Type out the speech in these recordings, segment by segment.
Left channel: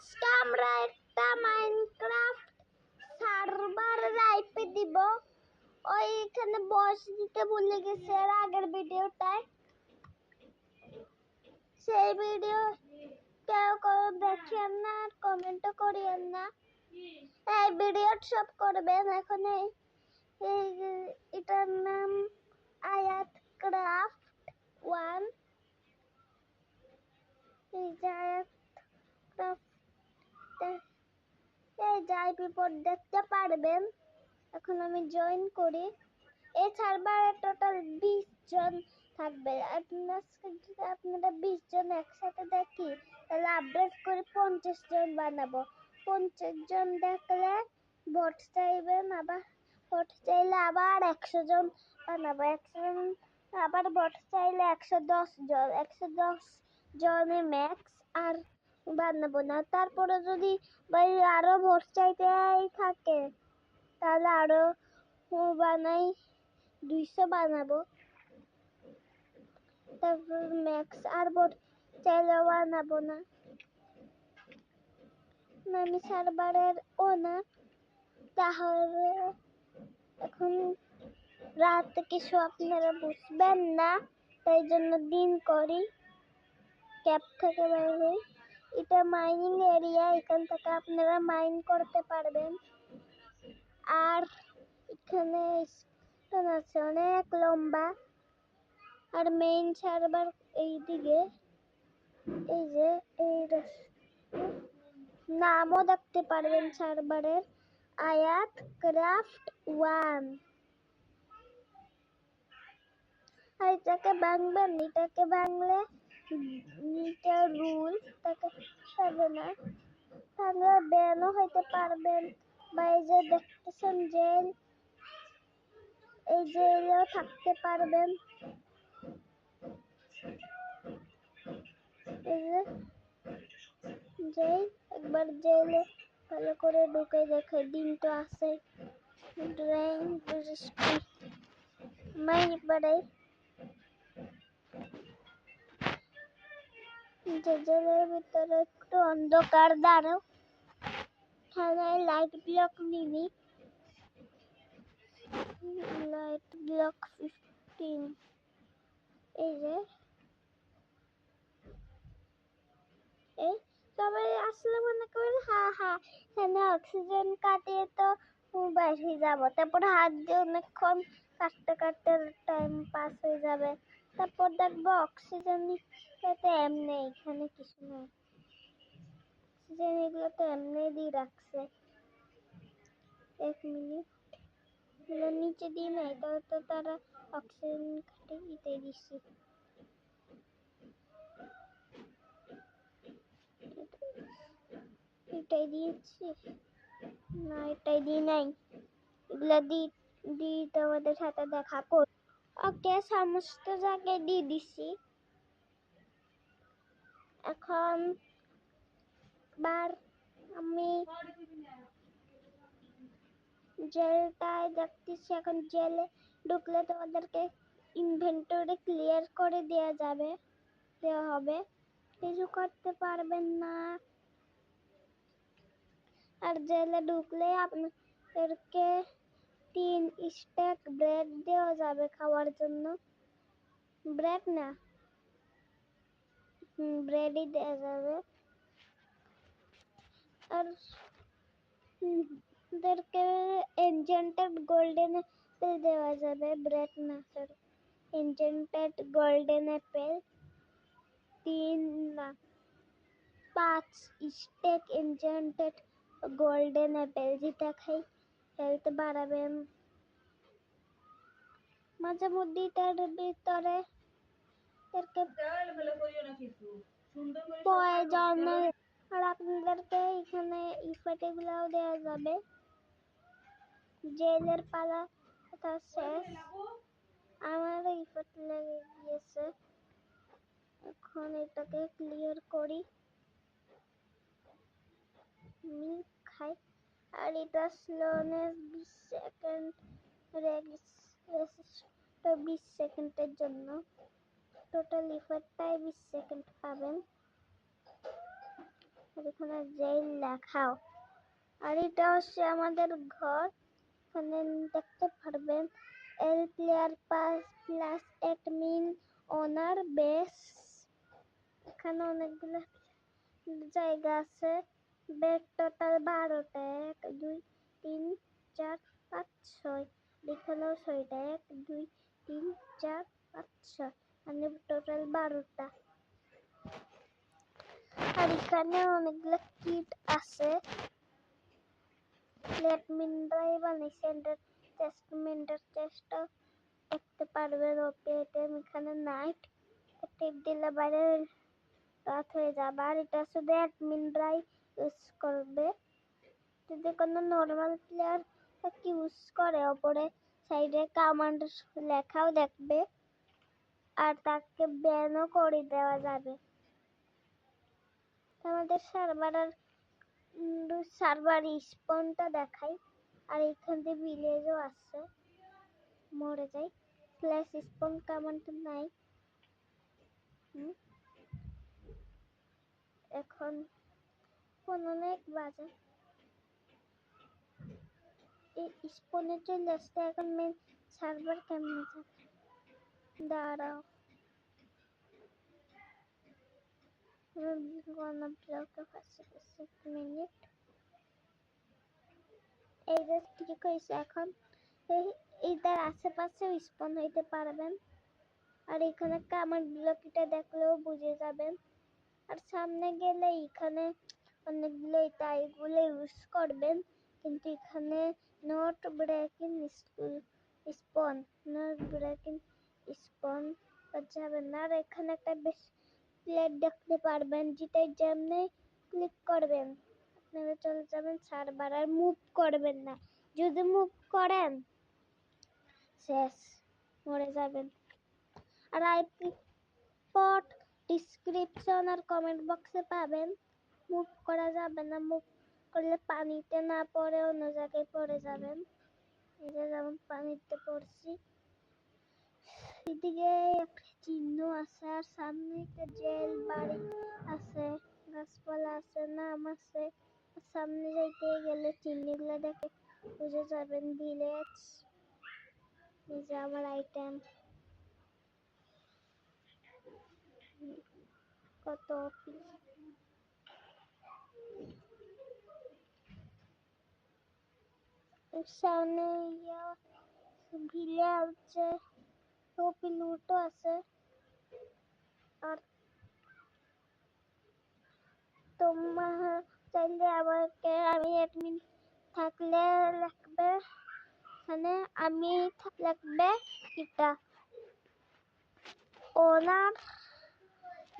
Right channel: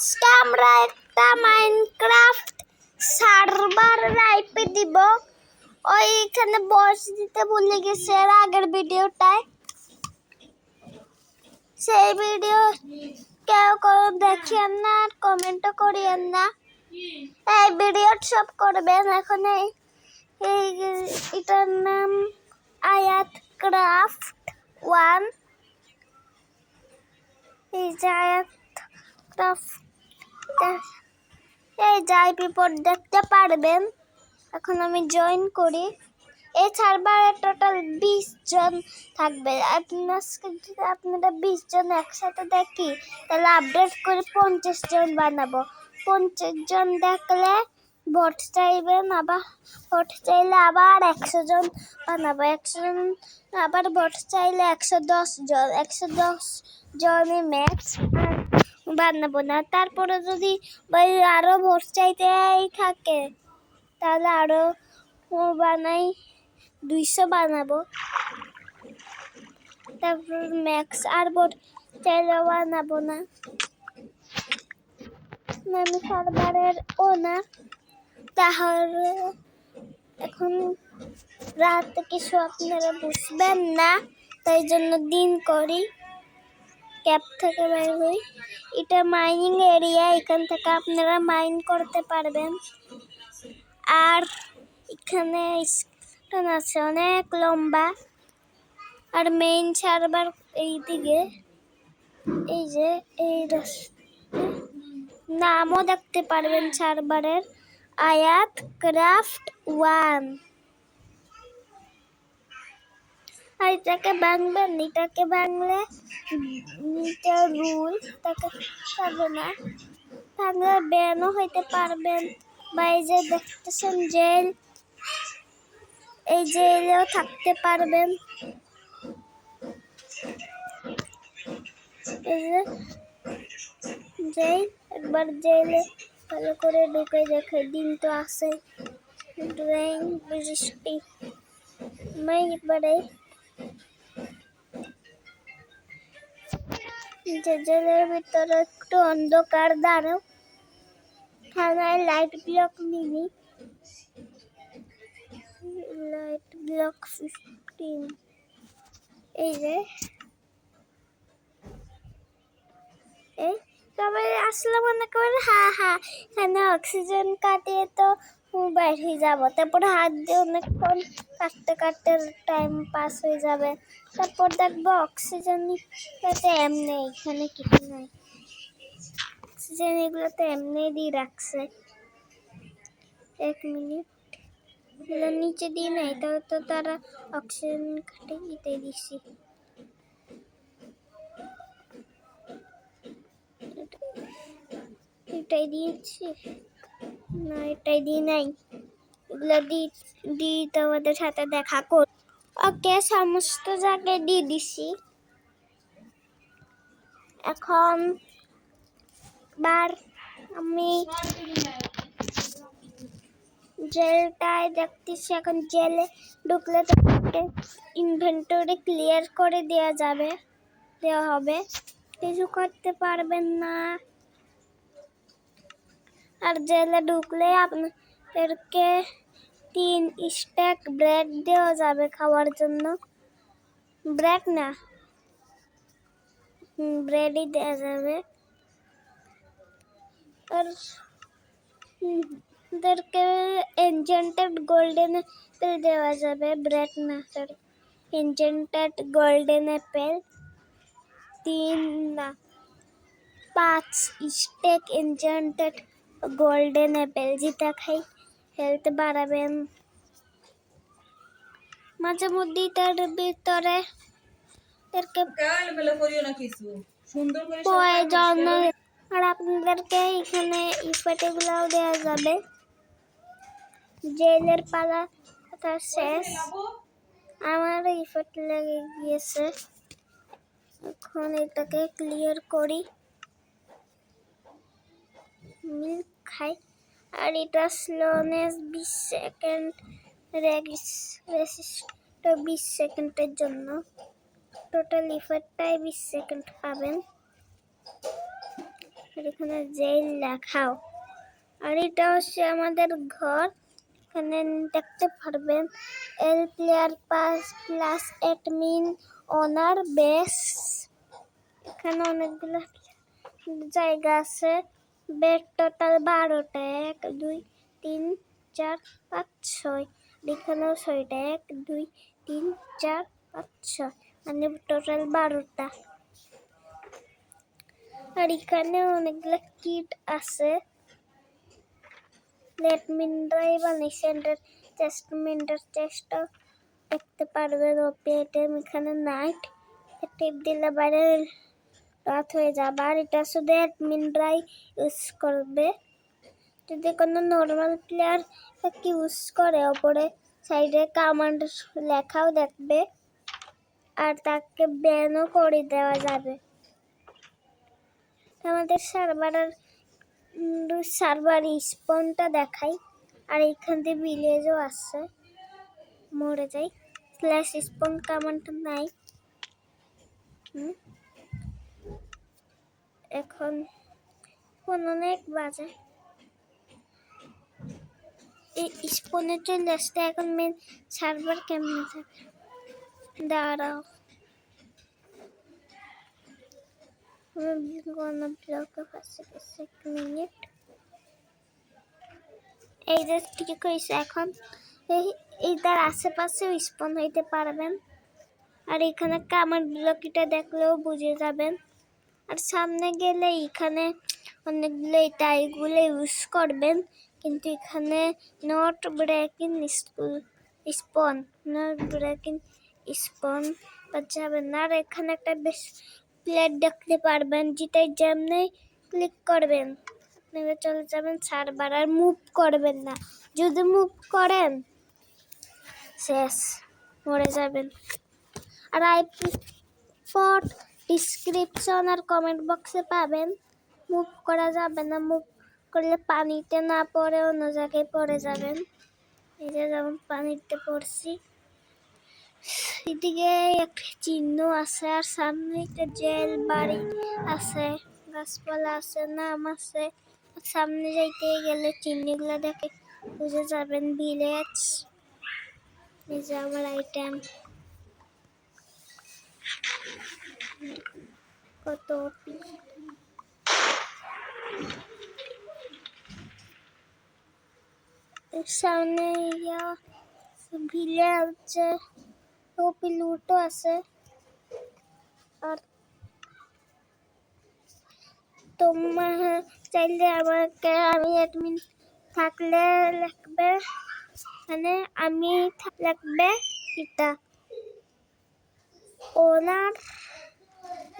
আজকে আমরা একটা মাইনক্রাফট সার্ভার লাইভে দিব। ওইখানে বয়স দিতে ভুলে গেছে এর আগের ভিডিওটায়। সেই ভিডিও কেউ দেখিয়েন না আর কমেন্টও করিয়েন না। এই ভিডিও সব করবেন। এখন এটার নাম আয়াত ক্রাফট 1। এই যে আয়াত ক্রাফট এই যাই বিপদ দেখতে পারবেন। এখন আমি জয়েন করি। এই সার্ভারে টোটাল 20 জন থাকবে। আপনারা 20 জন একসাথে দেখি তাহলে আপডেট করে 50 জন বানাবো। 50 জন দেখলে ভোট চাইবেন, আবার ভোট চাইলে আবার 100 জন বানাবো। 100 জন আবার ভোট চাইলে 110 জন। 110 জনই ম্যাক্স বানাবো না। তারপরে যদি আরো ভোট চাইতেই থাকে তাহলে আরো বানাই 200 বানাবো। তারপর ম্যাক্স আর ভোট চাইলে বানাবো না। আমি সার্ভারের ওনার। তাহলে এখন রাত কিছু আপনারা বুঝবেন না, তাই জন্য দিন করি। ক্যাপ থেকে বের হই। এটা মাইনিং এরিয়া, এখান থেকে আপনারা মাইন করতে পারবেন। আর এখানে স্টোন আছে অনেক লম্বা। আর মেইন সার্ভার এইদিকে, এই যে এই নামও দেখতে পারবেন সার্ভারের, আয়াত ক্রাফট 1। আর এটাকে ভাঙবেন, এটাকে ভাঙলে রুল তাকে পারবে না। ভাঙলে ব্যানও হইতে পারবেন। বা এই যে দেখতেছেন জেল, এই জেলেও থাকতে পারবেন। এই যে জেল, একবার জেলে ভালো করে ঢুকে দেখে দিন তো আছে। ড্রয়িং মাইন পড়ে জেলের ভিতরে একটু অন্ধকার। দাঁড়াও, থানায় লাইট ব্লক নিবি। Light block 15। এই যে এই সবাই আসলে মনে করেন এখানে অক্সিজেন কাটিয়ে তো বাইর হয়ে যাবো। তারপর হাত দিয়ে অনেকক্ষণ কাটতে কাটতে টাইম পাস হয়ে যাবে। তারপর দেখবো অক্সিজেন এমনি এখানে কিছু নাই। অক্সিজেন এগুলো তো এমনি দিয়ে রাখছে। 1 মিনিট, এগুলো নিচে দিয়ে নাই, তাহলে তো তারা অক্সিজেন কাটে দিতে দিছি। এটাই দিয়েছি না, এটাই দিই নাই। এগুলো দিই তোমাদের সাথে দেখা কর। ওকে, সমস্ত জায়গায় দিয়ে দিছি। এখন বার আমি জেলটায় দেখতেছি। এখন জেলে ঢুকলে তোমাদেরকে ইনভেন্টরি ক্লিয়ার করে দেওয়া হবে। কিছু করতে পারবেন না। আর জেলে ঢুকলে আপনাদেরকে 3 স্ট্যাক ব্রেড দেওয়া যাবে খাওয়ার জন্য। ব্রেড না, ব্রেডই দেওয়া যাবে। আর ওদেরকে এনচেন্টেড গোল্ডেন অ্যাপেল দেওয়া যাবে। ব্রেড না, সরি, এনচেন্টেড গোল্ডেন অ্যাপেল 3 না 5 স্টেক এনচেন্টেড গোল্ডেন অ্যাপেল। যেটা খাই হেলথ বাড়াবেন। মাঝে মধ্যে তার ভিতরে আর আপনাদেরকে এখানে ইফেক্টগুলোও দেওয়া যাবে। জেলের পালা কথা শেষ। আমার ইফেক্ট লেগে গিয়েছে। এখন এটাকে ক্লিয়ার করি। মিল্ক খাই। আর এটা স্লোনেস 20 সেকেন্ড, রেসিস্ট 20 সেকেন্ডের জন্য। টোটাল ইফেক্টটাই 20 সেকেন্ড পাবেন। আর এখানে জেল লেখাও। আর এটা হচ্ছে আমাদের ঘর। এখানে দেখতে পারবেন L player pass plus admin owner base. এখানে অনেকগুলো জায়গা আছে। বেড টোটাল 12টা, 1 2 3 4 5 6। এখানেও 6টা, 1 2 3 4 5 6, মানে টোটাল 12টা। আর এখানে অনেকগুলো কিট আছে। লেটমিন ড্রাইভ বানিয়েছে, টেস্টমেন্টের চেষ্টা দেখতে পারবেন। ওপিএম এখানে নাইট টিপ দিলে বাইরে রাত হয়ে যাবে। আর এটা শুধু অ্যাডমিন ড্রাইভ ইউজ করবে। যদি কোনো নর্মাল প্লেয়ার ইউজ করে ওপরে সাইডে কমান্ড লেখাও দেখবে, আর তাকে ব্যানও করে দেওয়া যাবে। আমাদের সার্ভার স্পনটা দেখাই। আর এখান থেকে ভিলেজও আছে, মরে যাই। স্ল্যাশ স্পন কমান্ড নাই। এখন অনেক বাজে। এই স্পনে চলে আসতে এখন মেন সার্ভার কেমনে থাকে দাঁড়াও। মিনিট এই যে ঠিক হয়েছে। এখন এইটার আশেপাশে স্পন হইতে পারবেন। আর এখানে কামার ব্লকিটা দেখলেও বুঝে যাবেন। আর সামনে গেলে এখানে অনেকগুলো এগুলো ইউজ করবেন, কিন্তু এখানে not breaking spawn, not breaking spawn যাবেন না। আর এখানে একটা বেশ প্লেট দেখতে পারবেন, যেটাই যেমনি ক্লিক করবেন আপনারা চলে যাবেন সার্ভার। আর মুভ করবেন না, যদি মুভ করেন শেষ, মরে যাবেন। আর আইপি ফর ডিসক্রিপশন আর কমেন্ট বক্সে পাবেন। মুভ করা যাবে না, মুভ করলে পানিতে না পড়ে অন্য জায়গায় পড়ে যাবেন। এই যে যেমন পানিতে পড়ছি। এদিকে একটা চিহ্ন আছে, আর সামনে একটা জেল বাড়ি আছে, গাছপালা আছে, নাম আছে। সামনে যাইতে গেলে চিহ্নগুলো দেখে বুঝে যাবেন ভিলেজ। এই যে আমার আইটেম কত সামনে ভিলে হচ্ছে লুটো আছে। আর তোমার চাইলে আমাকে আমি অ্যাডমিন থাকলে লাগবে, মানে আমি লাগবে এটা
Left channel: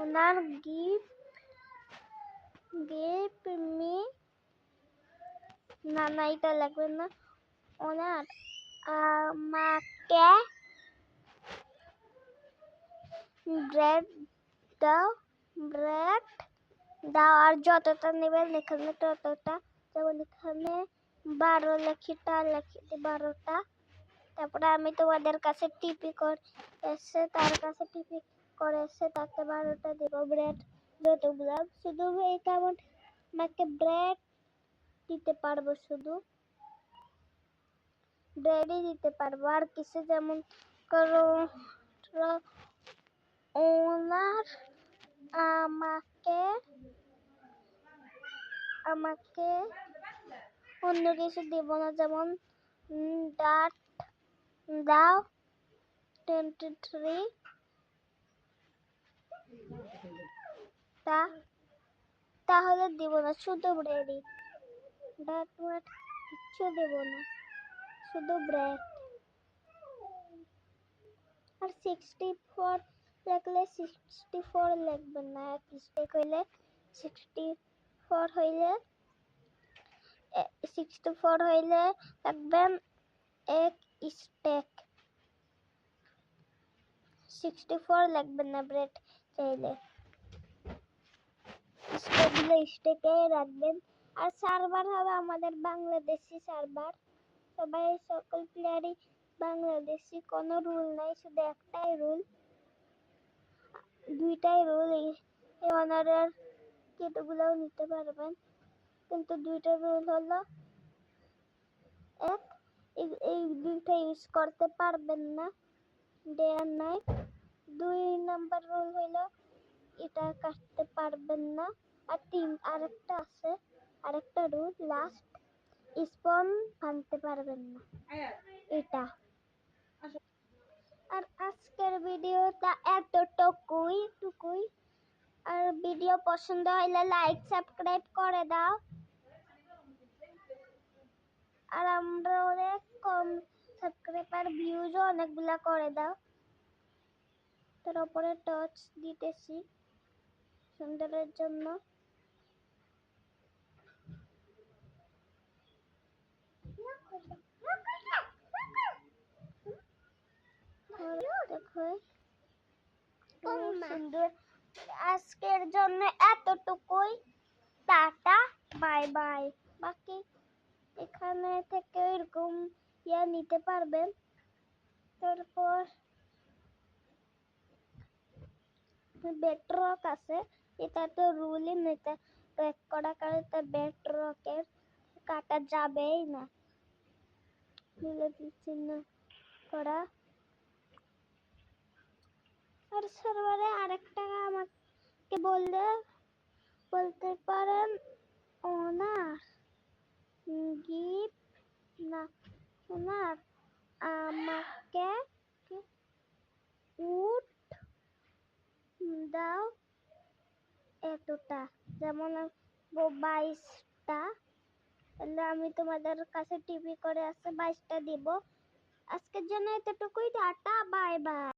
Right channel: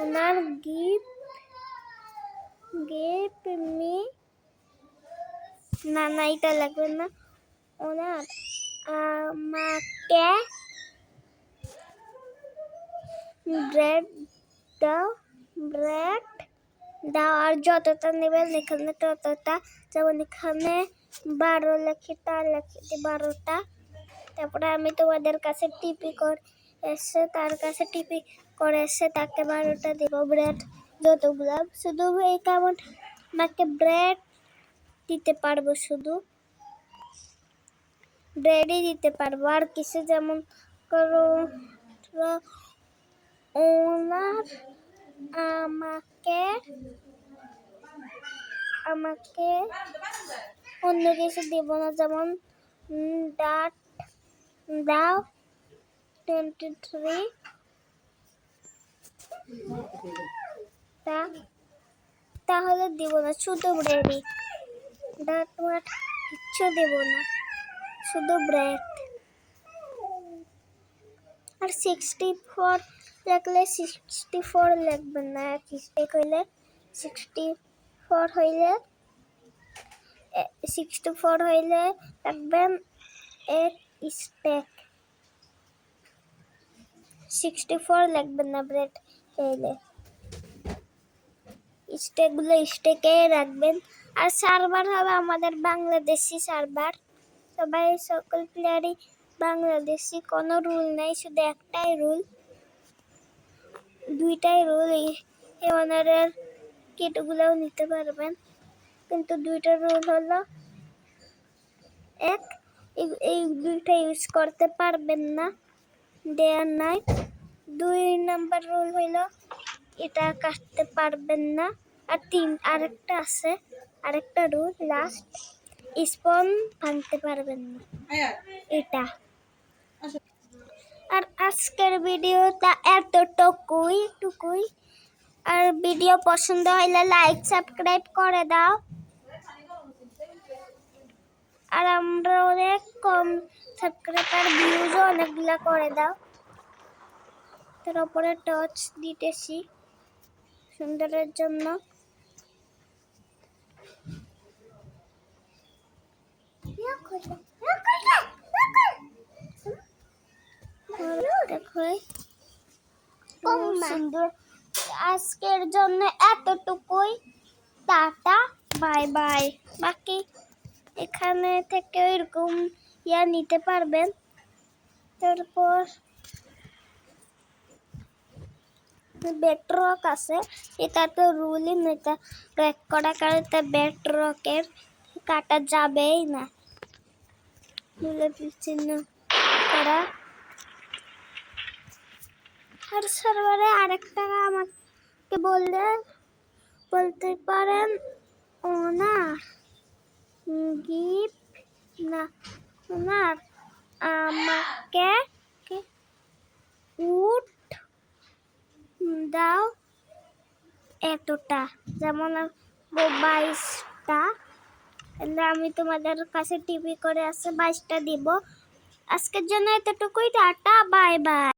ওনার গিভ মি, না না এটা লাগবে না। ওনার আমাকে ব্রেড দাও, ব্রেড দাও। আর যতটা নেবেন এখানে ততটা, যেমন এখানে 12 লেখিটা লেখি 12টা। তারপরে আমি তোমাদের কাছে টিপি করে এসে তার কাছে টিপি করে এসে তাকে 12টা দিব ব্রেড যতগুলো। শুধু এই কেমন আমাকে ব্রেড দিতে পারবো, শুধু ব্রেডই দিতে পারবো, আর কিছু যেমন করো ওনার আমাকে অন্য কিছু দিব না, যেমন ডাট দাও 23 তাহলে দিব না, শুধু ব্রেডই। ডাট ওয়াট কিচ্ছু দেব না, শুধু ব্রেড। আর 64 লাগলে 64 লাগবে না, এক স্টেক হইলে 64 হইলে 64 হইলে লাগবেন এক স্টেক। 64 লাগবে না ব্রেড চাইলে, স্টেকগুলো স্টেকে রাখবেন। আর সার্ভার হবে আমাদের বাংলাদেশি সার্ভার, সবাই সকল প্লেয়ারই বাংলাদেশি, কোনো রুল নাই, শুধু একটাই রুল, দুইটাই রুল। এই ওনারের কিটগুলোও নিতে পারবেন, কিন্তু দুইটা রুল হলো, এক, এই দুইটা ইউজ করতে পারবেন না, ডে আর নাইট। 2 নাম্বার রুল হইলো এটা কাটতে পারবেন না। আর আরেকটা আছে, আরেকটা রুল লাস্ট, স্পন ভাঙতে পারবেন না, এটা। আর আজকের ভিডিওটা এতটুকুই। আর ভিডিও পছন্দ হলে লাইক সাবস্ক্রাইব করে দাও। আর আমরা অনেক কম সাবস্ক্রাইবার, ভিউজও অনেকগুলা করে দাও। তার উপরে টচ দিতেছি সুন্দরের জন্য। দেখো সুন্দর। আজকের জন্য এতটুকুই, টাটা বাই বাই। বাকি এখানে থেকে এরকম নিতে পারবেন। তারপর বেডরক আছে, এটা তো রুলই না, এটা ক্র্যাক করা কারণে বেডরকের কাটা যাবেই না, চিহ্ন করা। আর সার্ভারে আরেকটা আমাকে বলতে পারেন ওনার গিফট না, ওনার আমাকে উট দাও এতটা, যেমন 22টা, আমি তোমাদের কাছে টিভি করে আছে 22টা দিব। আজকের জন্য এতটুকুই, টাটা বাই বাই।